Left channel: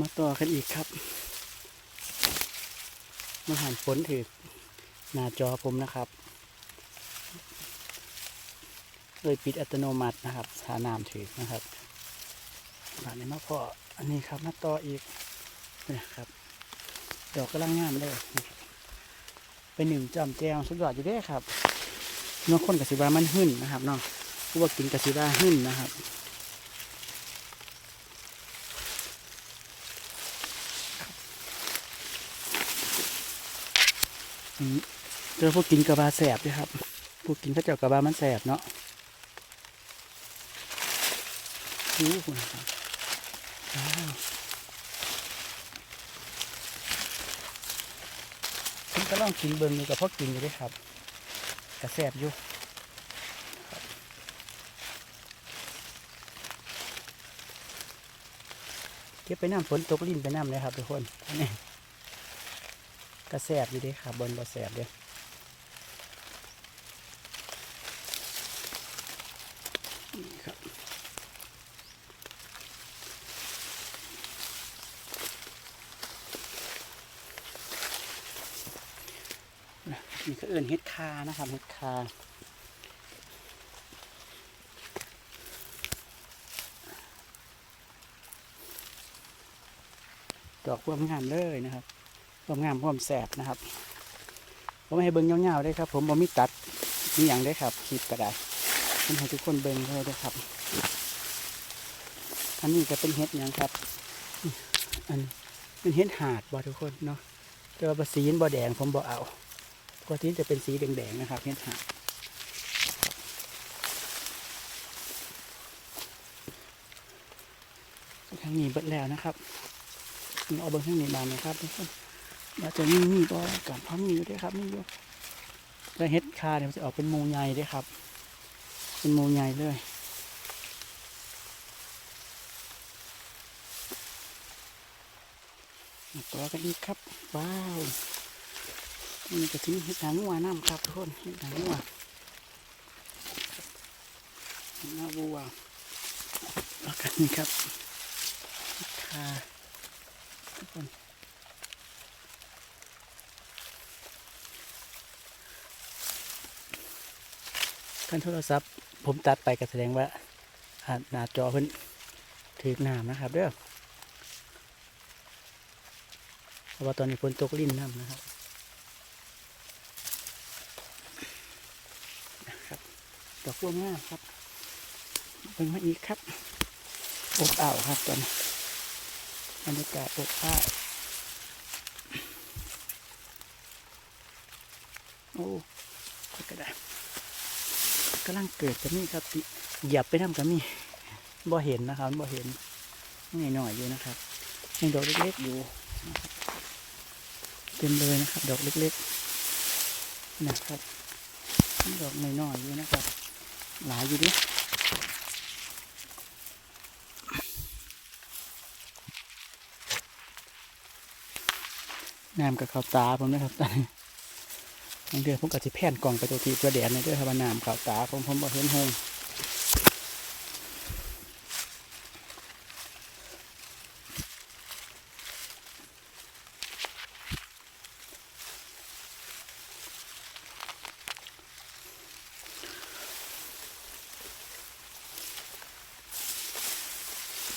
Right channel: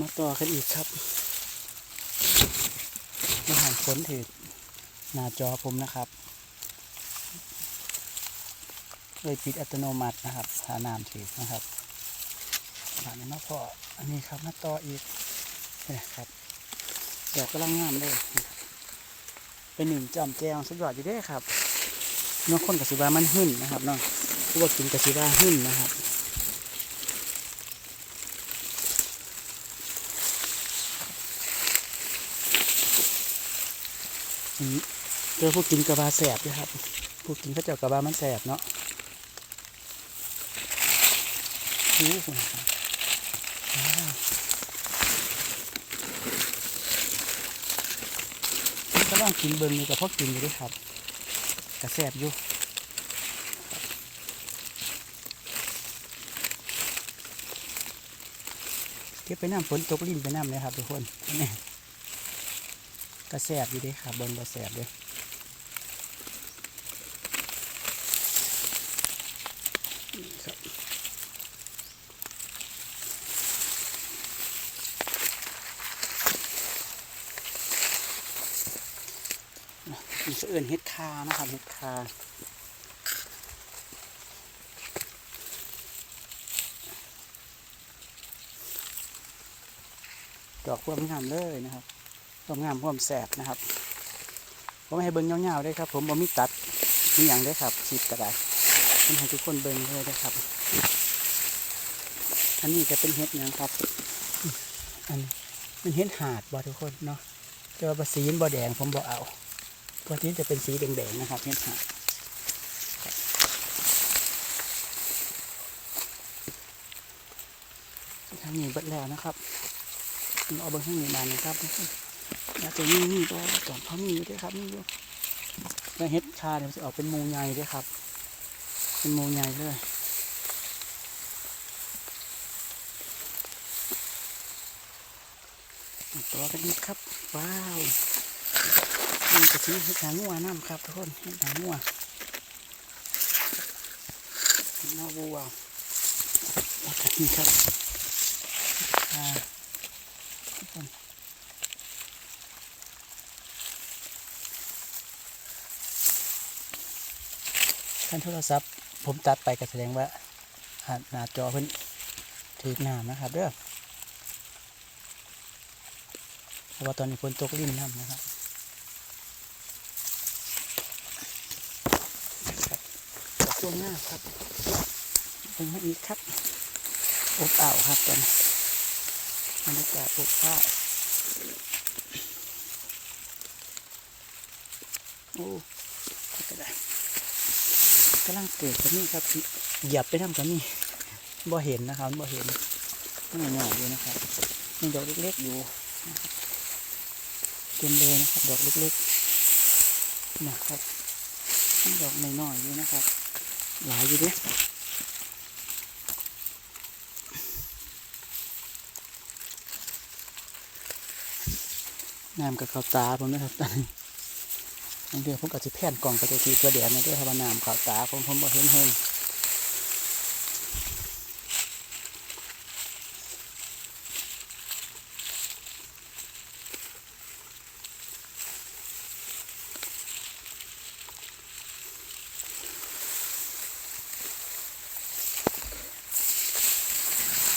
มาต่อกันอีกครับ มาหันฝนถือหน้าจอผมนะครับเลยปิดอัตโนมัตินะครับหาน้ำถือนะครับหลังนี้มาพออันนี้ครับมาต่ออีกนะครับแดดกำลังงามเลยเป็นหนึ่งจำแจงสุดยอดอยู่เด้ครับน้องคนกับสิบามันหึ่นนะครับน้องผู้ว่ากินกับสิบาหึ่นนะครับ อืมเจอพวกกินกระบาแสบด้วยครับ พวกกินข้าวเจ้ากระบามันแสบเนาะดูคุณครับนี่ก็ลองกินเบิ่งอยู่กับพวกกินอยู่ด้วยครับ กระแสบอยู่เก็บไปน้ำฝนตกลิ้นไปน้ำเลยครับทุกคนนี่ กระแสบอยู่ด้ครับบนกระแสบเด้ครับมีเสื่อนเฮ็ดคานะครับเฮ็ดคาดอกความงามเลยนะครับ ความงามความแสบนะครับผมให้เบิ้งเงาๆเลยครับ ผมบ่มีตัดมีอย่างได้ครับคลิปก็ได้ผมให้ทุกคนเบิ้งเลยนะครับ อันนี้จะเป็นเห็ดหยังครับ อันมันเห็ดหาดบ่ทุกคนเนาะแต่ว่าสีนบ่แดงผมบ่เอาปกติจะเป็นสีแดงๆนะครับเห็ดหาดทางนี้เบิดแล้วนะครับเอาเบิ้งทางนี้มานะครับทุกคน น่าจะมีมีก็จอมพันมีด้วยครับนี่ด้วยแล้วเฮ็ดคาเนี่ยมันจะออกเป็นหมูใหญ่ด้วยครับ เป็นหมูใหญ่เลยต่อกันอีกครับ ว้าวนี่จะทิ้งเฮ็ดหางัวน้ำครับทุกคนเฮ็ดหางัวน้าวัวแล้วก็นี่ครับคาทุกคน ท่านโทรศัพท์ ผมตัดไปก็แสดงว่าหาหน้าจอเพิ่นถือน้ำนะครับเด้อเพราะว่าตอนนี้ฝนตกลิ้นน้ำนะครับครับดอกตัวง่าครับเป็นมาอีกครับอบอ้าวครับตอนบรรยากาศอบอ้าวโอ้ก็ได้ กำลังเกิดกับนี่ครับหยับไปน้ำกับนี่บ่เห็นนะครับบ่เห็นง่ายๆอยู่นะครับมีดอกเล็กๆอยู่เต็มเลยนะครับ ดอกเล็กๆนะครับมีดอกน้อยๆอยู่นะครับ หลายอยู่ดิน้ำกับข้าวตาผมนะครับตอนนี้ เดือนผมก็จะแผ่นกล่องไปตัวทีตัวแดดในเรื่องพนาน้ำขาวตาของผมบ่เห็นเฮง